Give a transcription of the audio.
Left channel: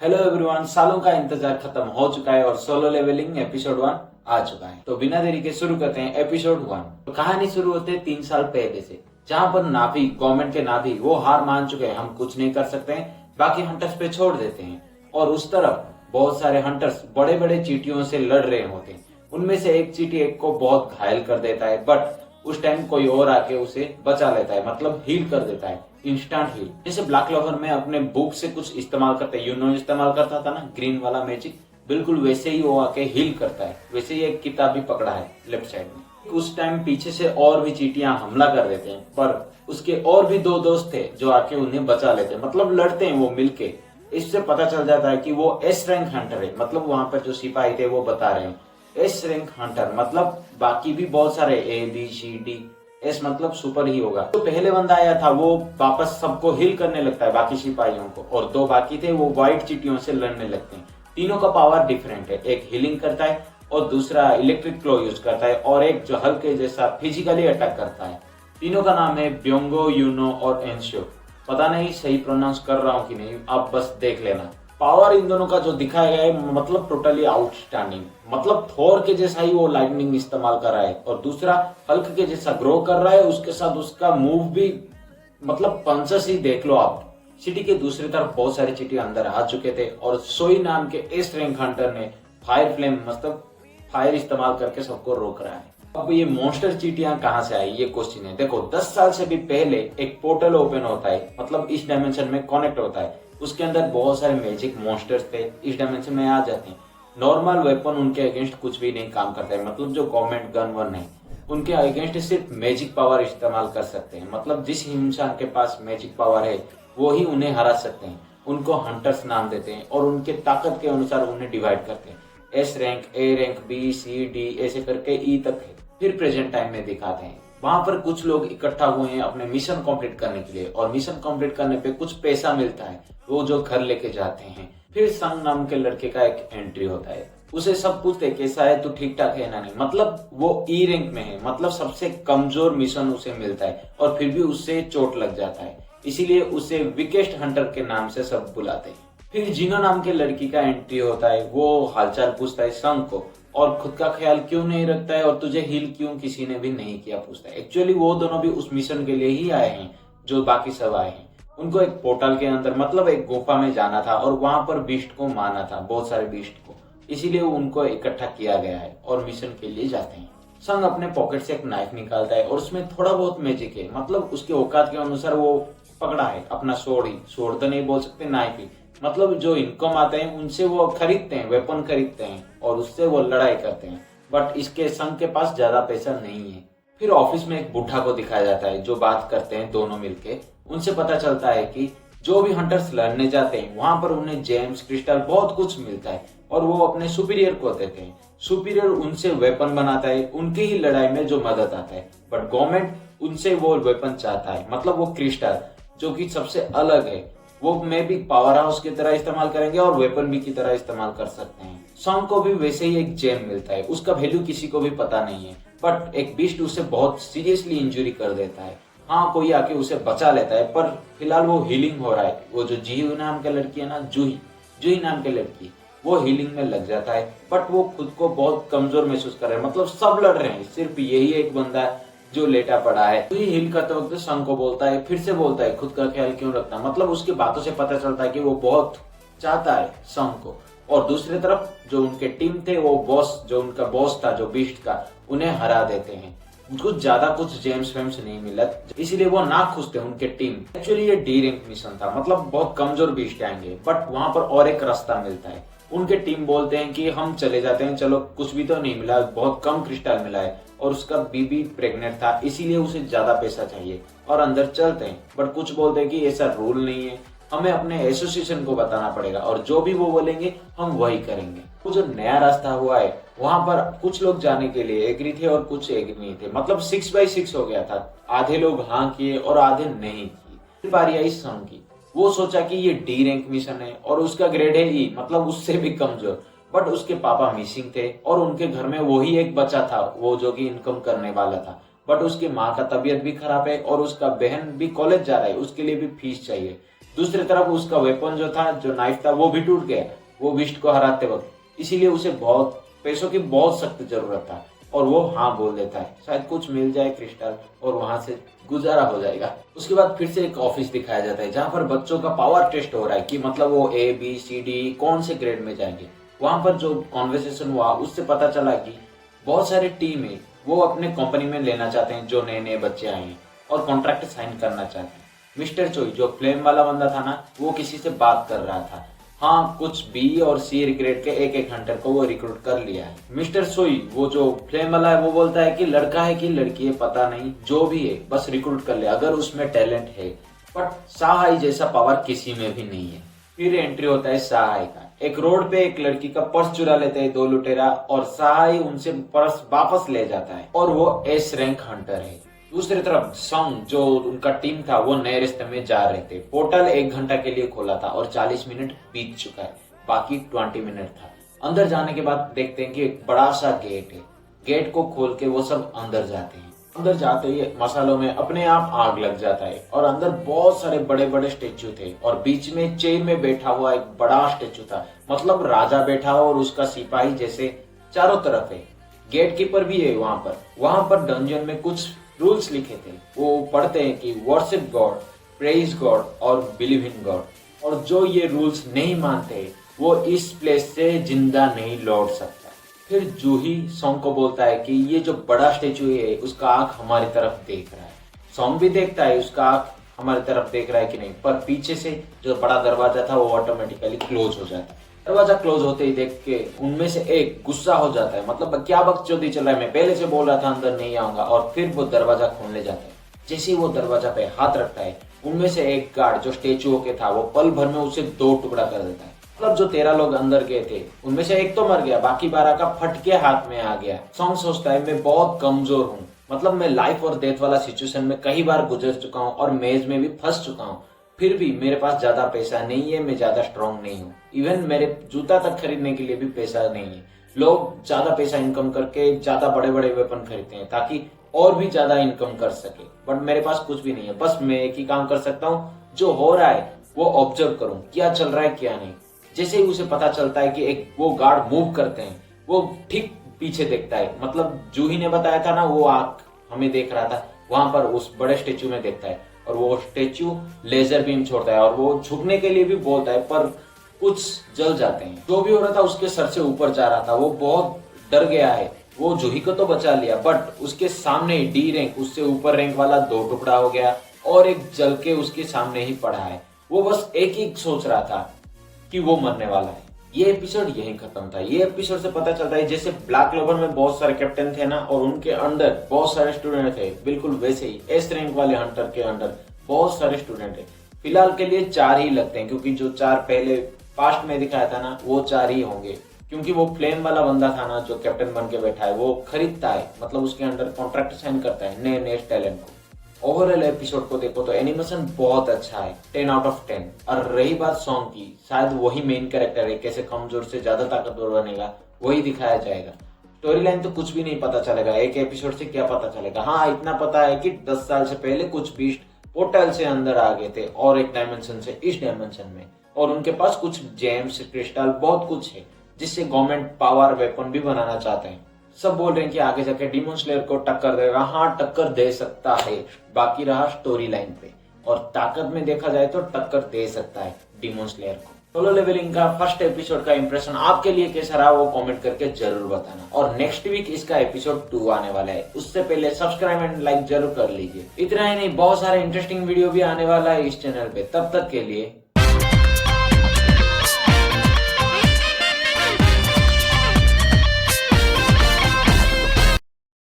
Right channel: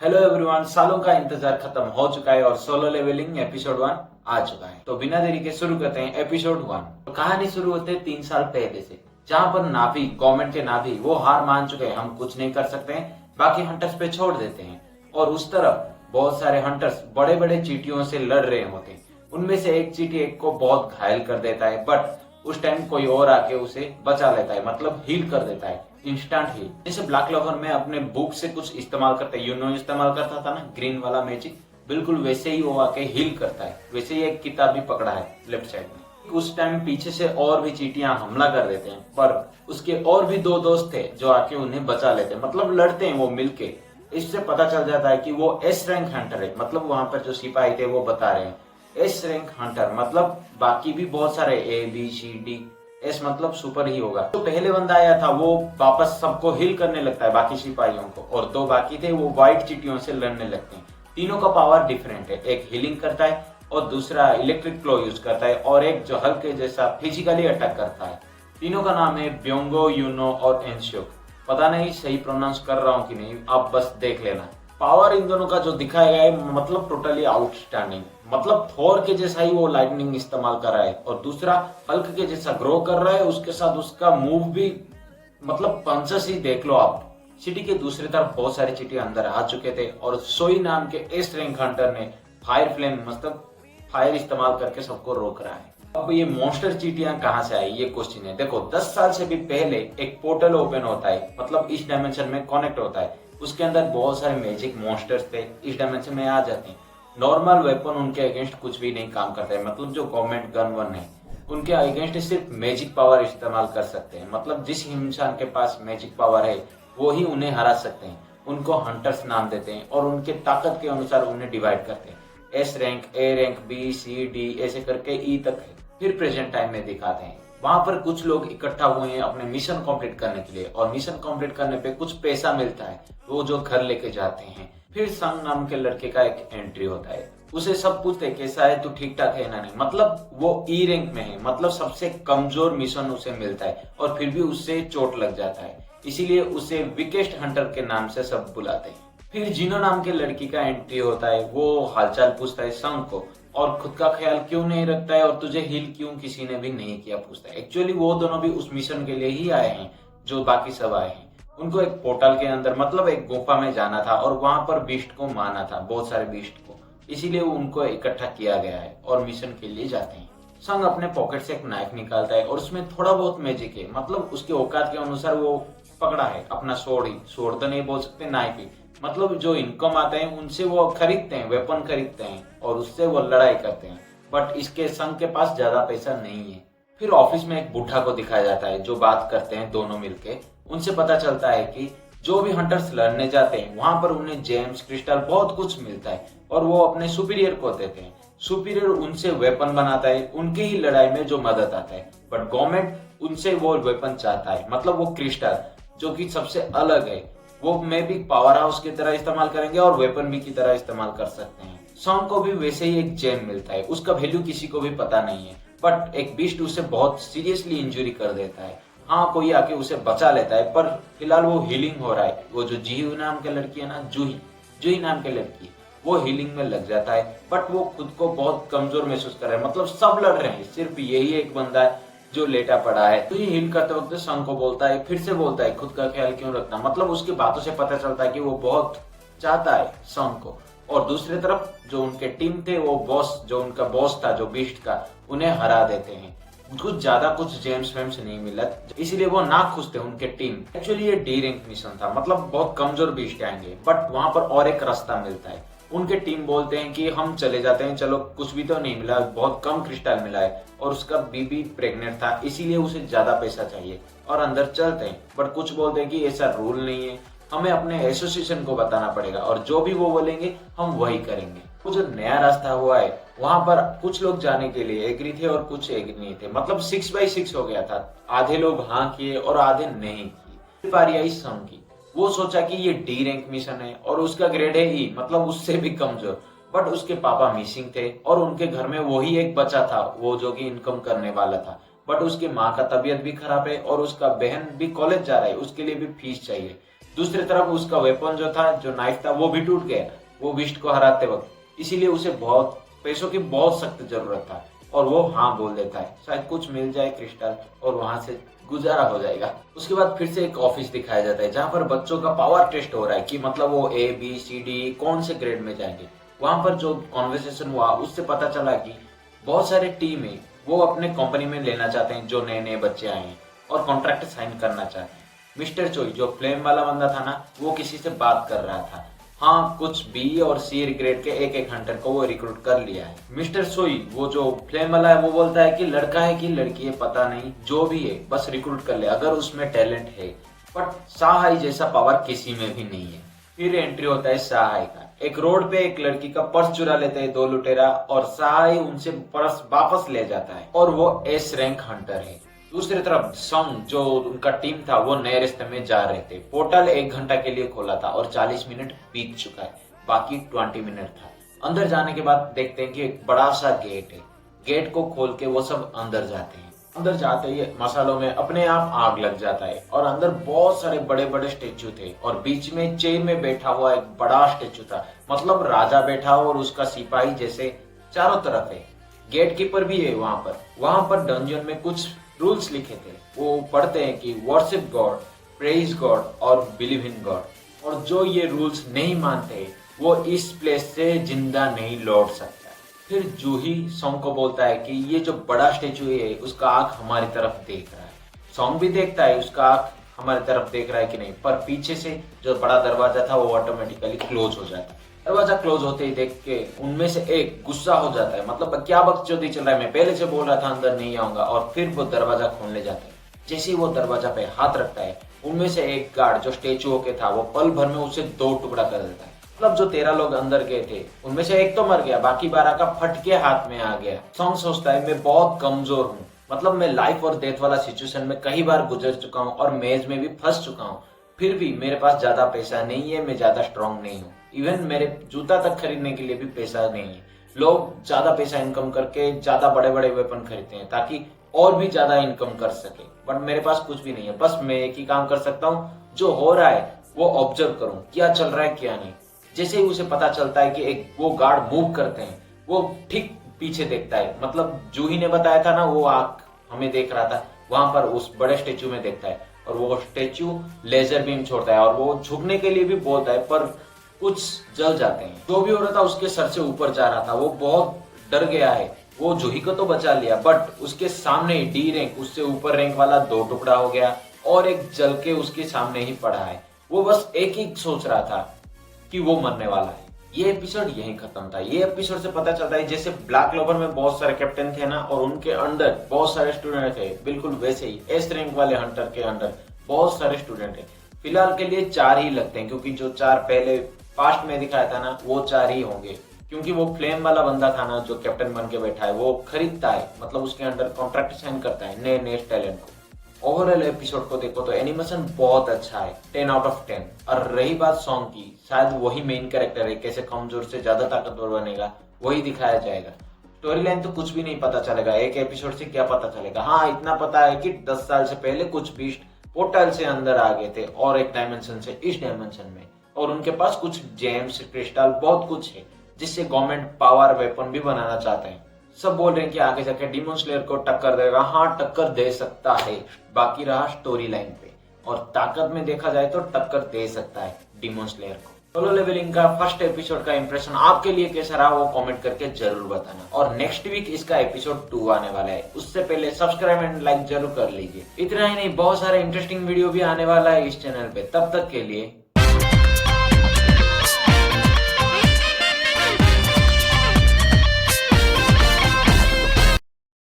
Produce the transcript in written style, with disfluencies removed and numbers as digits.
Hello everyone, सालों का इंतजार खत्म हो चुका है और सोलो लेवलिंग एपिसोड 1 आ चुका है। तो बिना देरी के शुरू करते हैं एपिसोड 1। तो कहानी शुरू होते है 3 साल पहले से, जहां पर नाभी गवर्नमेंट के नाभी वो हार मान चुके हैं, हम कुछ नहीं कर सकते हैं, बाकी हंटर्स पे छोड़ देते हैं। और उस तरफ बहुत सारे हंटर्स बड़े बड़े चींटियों से लड़ रहे होते हैं। उनमें से एक चींटी एक को बहुत घायल कर देता है, बट उस टाइम कोई और आके उसे बचा लेता है, मतलब हील कर देता है, इंस्टेंट हील। जैसे ब्लैक क्लोवर में अपने बुक से कुछ इस्तेमाल करता है, इस्तेमाल करता था ना, ग्रीन वाला मैजिक, बिल्कुल वैसे ही वो आके हील करता है। वैसे ही एक किताब भी पकड़ा है लेफ्ट साइड में। उस टाइम पीछे से और भी चींटियां हमला कर देते हैं, पर उसके और भी दो दोस्त थे जो आके उन्हें बचा लेते हैं, मतलब लड़ते हैं वो मिलके। इससे पता चल जाता है कि वो एस रैंक हंटर है, मतलब वहां पर जो सिपाही थे वो बता रहे हैं एस रैंक हंटर, मतलब बाकी भी बहुत सारे A B C D, S मतलब सुपर ही होगा। तो पहले बंदा आया था वो वापस सबको हिल करने लगता है, बाकी सिपाहियों को, और दो बाकी थे वो व्हाइट चींटियों से लड़ने लगते हैं। तीनों का पावर डिफरेंट है, एक हीलिंग करता है और दूसरा इलेक्ट्रिक क्लो यूज करता है, और एक जो हल्के जैसा फिजिकली अटैक करता है। तीनों का नाम है ब्योंगो, यूनो और एंशियो। पता नहीं सही प्रोनाउंस कर रहा हूँ कि नहीं, आप बस देख लेना। पावर इन दोनों का जो दिखाया गया है, मतलब टोटली आउटस्टैंडिंग, मतलब थोर के जैसा ही वो लाइटनिंग इस्तेमाल कर रहा है, और दूसरा हल्क के जैसा ग्रो कर रहा है, उसके साथ उसका मूव भी, मतलब पंचेस ही देख लो आप। सिटी के दूसरी तरफ बहुत सारी चींटी अंदर आ चुके थे, और सोई नाम के एस रैंक हंटर ने फायर फ्लेम, मतलब फायर इस्तेमाल करके सबको रोक रहा है। अब ये मॉन्स्टर चींटियां कहां से आई, ये क्वेश्चन है। देखो 10 साल से भी पहले एक पोर्टल ओपन होता है, मतलब इस डायमेंशन में कनेक्ट होता है। उसके अंदर बहुत सारे मैजिक मॉन्स्टर्स थे, इस डायमेंशन में आ जाते हैं। नॉर्मल वेपन उनके अगेंस्ट कुछ भी नहीं काम करता है, मतलब जो गवर्नमेंट गन वन है उनके अगेंस्ट सिर्फ मैजिक पावर इस्तेमाल कर सकते हैं। मतलब जिस इंसान के पास मैजिक पावर है वो ही उन्हें हरा सकते हैं। उनको हंटर्स नाम देते हैं और उनके ताकत के अनुसार उन्हें डिवाइड करते हैं। S rank, A rank, B C D ऐसे करके ई तक है। फिर प्रेजेंट टाइम में दिखाते हैं, वहां पर कुछ लोग इकट्ठा हुए हैं अपने मिशन कंप्लीट करने के लिए, और मिशन कंप्लीट करने पे कुछ पैसा मिलता है, वो जो घर लेके जाते हैं। फिर संग नाम के लड़के का एक एंट्री होता है, उसे सब पूछते कैसा है, तू ठीक ठाक है ना नहीं, मतलब वो ई रैंक में है, मतलब सबसे कमजोर मिशन उसे मिलता है, और फिर भी उससे चोट लग जाता है, इसीलिए उसे वीकेस्ट हंटर के नाम से सब बुलाते हैं। फिर जिनो नाम के लड़की का एंट्री होता है, वो हालचाल पूछता है संग को, और खुद का ख्याल क्यों नहीं रखता है, और तुझे हील क्यों किसी ने भी नहीं किया पूछता है। एक्चुअली वो दोनों भी उस मिशन के लिए ही आए हैं जो बाकी सब आए हैं। उनको एक पोर्टल के अंदर, मतलब एक गुफा में जाना था, और वहां पर बीस्ट को मारना था, बहुत सारे बीस्ट को, इसीलिए उनको इकट्ठा किया गया है और मिशन के लिए जाते हैं। संग अपने पॉकेट से एक नाइफ निकालता है और उसमें थोड़ा बहुत मैजिक है, मतलब उसके औकात के अनुसार वो पकड़ा है अपना सोड ही, सोड तो नहीं बोल सकते, नाइफ ही, मतलब जो इनकम आते हैं उनसे वो खरीदते हैं, वेपन खरीदते हैं और उससे वो लड़ाई करते हैं। बट इसके संग के पास ज्यादा पैसा नहीं है। फिर ऑफिस में एक बुढ़ा को दिखाया जाता है जो बात करते हैं दोनों मिलके। उनसे पता चलता है कि जो भी हंटर्स लड़ने जाते हैं वहां पर उन्हें जेम्स, क्रिस्टल, बहुत कुछ मिलता है, और वो अपने सुपीरियर को देते हैं। सुपीरियर उनसे वेपन बनाता है, उनकी ही लड़ाई में जो मदद आता है। बट गवर्नमेंट उनसे वो वेपन चाहता है, मतलब वो क्रिस्टल जो कि सबसे अलग है, वो में भी पावर हाउस की तरह इस्तेमाल करेंगे और वेपन भी की तरह इस्तेमाल कर सकते हैं। सॉन्ग को भी वैसे ही एक जेम मिलता है, उसका वैल्यू किसी को भी पता नहीं है, बट एक बीस्ट उसे बहुत सीरियसली इंजुरी कर देता है। हाँ, कोई आके उसे बचा लेता है, पर फिलहाल वो हीलिंग हो रहा है। वो जो जीहू नाम के लड़की है ना, जूही जूही नाम के लड़की, वो हीलिंग में लग जाता है, बट वो खुद को बहुत कमजोर महसूस कर रहा है, मतलब सब लड़ रहे हैं, सिर्फ यही एक बंदा है जो लेटा पड़ा है। तो ये हील करते वक्त संग को बोलता है, फिर से बोलता है खुद का ख्याल क्यों रखना, मतलब उसकी बातों से पता चलता है कि वो बहुत चाहता है संग को। और दूसरी तरफ जो उनके टीम थे, वो बॉस, जो उनका बॉस था जो बीस्ट का, उन्हें हरा देते हैं। कुछ ज्यादा कुछ जेम्स वेम्स नहीं मिला, इसलिए वो ना खुश थे उनके टीम। एक्चुअली ये डी रैंक मिशन था, मतलब बहुत कमजोर बीस्ट आएंगे, बट वहां पर और एक रास्ता मिलता है। उनके टीम बोलते हैं कि हम चले जाते हैं, चलो कुछ भी तो नहीं मिला, बहुत कम क्रिस्टल मिला है, और उसका बीबी प्रेग्नेंट था, इसीलिए उसे ज्यादा पैसा चाहिए, और अंदर चलते हैं। बट कुछ बोलते हैं कि ऐसा रूल नहीं है, हमें अपने एसोसिएशन को बताना पड़ेगा, और जो भी वो बोलेंगे हम वही करेंगे। वो जो नया रास्ता हुआ है वहां पर कुछ लोग जाने के लिए एग्री थे और कुछ एग्री नहीं थे, मतलब 6x6 हो गया था। आधे लोग हाँ किए और आधे नहीं किए। बारी आई संग की, वो सोचा कि ये डी रैंक मिशन है और उसका ग्रेड है ई, मतलब उससे भी कमजोर। बट उसके पापा मिसिंग थे और उनके घर में वही एक बच्चा था वो जो कि इनकम करने वाला था। बट उसकी माँ का तबीयत भी खराब है और उसका बहन भी कॉलेज जा रहा है, उसके लिए भी फीस चाहिए। दूसरी तरफ उसका वेपन जो था, जो नाइफ था, वो भी टूट गया वो बिस्ट को हराते वक्त, इसीलिए उसे बहुत पैसों की बहुत सख्त जरूरत था और वो हाँ बोल देता है, शायद कुछ मिल जाए क्रिस्टल और वहां से गुजारा हो जाएगा। उसके बाद फिर से एक ऑफिस दिखाया जाता है जहां पर बच्चों का पावर टेस्ट हो रहा है कि मतलब वो ABCD कौन से ग्रेड में जाएंगे। वहां पर जो कॉन्वर्सेशन हुआ उससे पता चला कि बहुत सारे टीम है वो अपने कंपनी में लेना चाहते हैं जो नए नए बच्चे आए हैं और कॉन्ट्रैक्ट साइन करना चाहते हैं। मिस्टर चोई जो फ्लेम वाला बंदा था ना, वो किसी से बात कर रहा था। हाँ, कुछ B और C ग्रेड के एक हंटर को वो रिक्रूट कर लिया है। मिस्टर सोई वो जो फ्लेम वाला है वो बोलता है कि लड़का है कि लड़की है पता नहीं, जो भी है बस रिक्रूट कर ले अगर उसमें टैलेंट है। बट साहाई जैसा पावर किसी में भी नहीं है। फिर एंट्री होता है साहाई का। एक रोड पे एक लड़की का पर्स चुरा लेते हैं 2 लुटेरा और साहाई उनसे पर्स वापस ले जाता है और वो S रैंक हंटर है। दूसरी तरफ सॉन्ग जो उनका टीम था वो नए रास्ते में जा रहे थे। पोर्टल 1 घंटा के लिए खोला था और 40 मिनट बीत चुका है, बाकी 20 मिनट था। अंदर जाने के बाद देखते हैं कि एक बड़ा सा गेट है। गेट को खोल के वो सब अंदर जाते हैं। अंदर जाते ही मसालों में अपने आप आग लग जाता है और अंदर बहुत सारे बड़े बड़े स्टेचू थे और बीच में चेयर में बैठा हुआ एक बड़ा स्टेचू था, मतलब राजा बैठा हो और उसका सिपाही जैसे चारों तरफ है। गेट कीपर भी है वहां पर डंजन में कुछ रूल्स लिखे थे। वो पढ़ते हैं कि वर्शिप गॉड, प्रेज गॉड और बिलीव इन गॉड, और जो ये रूल्स नहीं मानते वो इस प्लेस से जिंदा नहीं लौट सकता। फिर जूही सॉन्ग को बोलता है कि ये जो बड़ा स्टेचू है उसका आंख हमारी तरफ देख रहा है। सॉन्ग भी देखता है उसका आंख हमारी तरफ देख रहा है कि नहीं, पर पीछे से जो बड़ा दरवाजा था वो ऑटोमेटिकली क्लोज हो जाता है। दरवाजा क्लोज होते ही देख के उनमें से एक गुस्सा हो जाता है, मतलब क्या बकचोदी चल रहा है, मैं पहले से बोल रहा था अंदर नहीं आऊंगा, और फिर वो दरवाजा खोलने जाता है। जैसे ही वो दरवाजा पे हाथ रखता है उनमें से एक गार्ड जो स्टेचुओं के था वो पल भर में उसे 2 टुकड़ा कर देता है। मतलब जो 13 लोग अंदर गए थे उनमें से एक तो मर गया, बाकी 12 का फटके हाथ में आ गया। सॉन्ग सोचता है मैं बहुत कमजोर हूँ, मतलब मैं लाइफ और डेथ वाला सिचुएशन में कई बार गुजर चुका हूँ और मेज में भी फंस चुका हूँ, फिर भी मेरे पास ज्यादा पैसा नहीं है, मैं ज्यादा स्ट्रांग नहीं हूँ। इवन मेरे जूता तक खरीदने के लिए भी पैसा नहीं है। लोग ज्यादा पैसा इनकम करके ज्यादा बड़े बड़े वेपन खरीदते हैं ताकि और भी ज्यादा इनकम कर सके, बट मेरे पास कुछ भी नहीं है। बस मैं एक ही काम कर सकता हूँ, जो हो रहा है वो ऑब्जर्व करूँ, क्या चल रहा है क्या नहीं। जैसे ही उसे पता चलता है कि एक वो गार्ड मूव करते हैं, वो ठीक पीछे देखता है, मतलब जूही ने बताया था ना वो आंख हमें देख रहा था, वहां पर उस बड़े स्टेचू में देखता है और वो स्टेचू लेजर बीम छोड़ता है और वो झुकने के लिए भी बोलता है, पर कुछ जल जाते हैं। जो भी हो रहा था उसके सर से ऊपर जा रहा था, वो बहुत डर गया है। वो जूही को तो बचा लिया, बट उसके सामने D रैंक, उससे ऊपर रैंक वाला 2 टुकड़ा हो गया और एक जल के उसके सामने ही पड़ा है। वो बस एक ही सोच रहा था कि वो मरने वाला है। ये एपिसोड यहीं खत्म था। ये एपिसोड से पता चलता है जैसे ब्लैक क्लोवर में बहुत सारे कैप्टन थे ना और उनके अंडर बहुत सारे स्टूडेंट थे, बिल्कुल वैसे ही S रैंक वाले हंटर के अंडर बहुत सारे स्टूडेंट है। फिलहाल के लिए 4 ही लगते हैं, क्योंकि जो 4 पहले पास्ट में दिखाया था ना वो 4 ही होंगे, क्योंकि वो फ्लेम वाला बंदा था ना जो कैप्टन बन के बैठा है, वो खरीदता है, मतलब उसके अंडर कॉन्ट्रैक्ट साइन करता है नए नए टैलेंट को। ओवरऑल एपिसोड को देखो तो एनिमेशन बहुत अच्छा है, 10 आउट ऑफ 10। और रही बात सॉन्ग की, शायद वही मेन कैरेक्टर है, कैसे कमजोर से ज्यादा ताकतवर बनेगा वही दिखाया जाएगा। स्टोरी लाइन तो कुछ भी नहीं पता चलेगा, एक एपिसोड से क्या पता चलेगा। हाँ, इतना पता है कि 10 साल से पहले कुछ बीस्ट पोर्टल से अंदर आ गए थे और एक डायमेंशन से इस डायमेंशन में, और उनके पास कुछ जेम्स क्रिस्टल बहुत कुछ है जिससे गवर्नमेंट पावर वेपन भी बनाना चाहते हैं। सब बोल रहे हैं कि आगे जाके डीमन स्लेयर को टक्कर देगा। हाँ, टक्कर दे सकता है, बाकी रहा स्टोरी लाइन पे, और ताकत में देखा जाए तो टक्कर दे सकता है डीमन स्लेयर को। सोलो लेवलिंग का फर्स्ट एपिसोड का इंप्रेशन आपके लिए कैसा रहा वो कमेंट करके जरूर बताना। और नेक्स्ट वीक इसका एपिसोड 2 आने वाला है, उससे पहले सब्सक्राइब एंड लाइक जरूर कर लीजिए। इतना ही नहीं, बहुत सारे इंटरेस्टिंग वीडियो भी आने वाला है इस चैनल पे। तब तक के लिए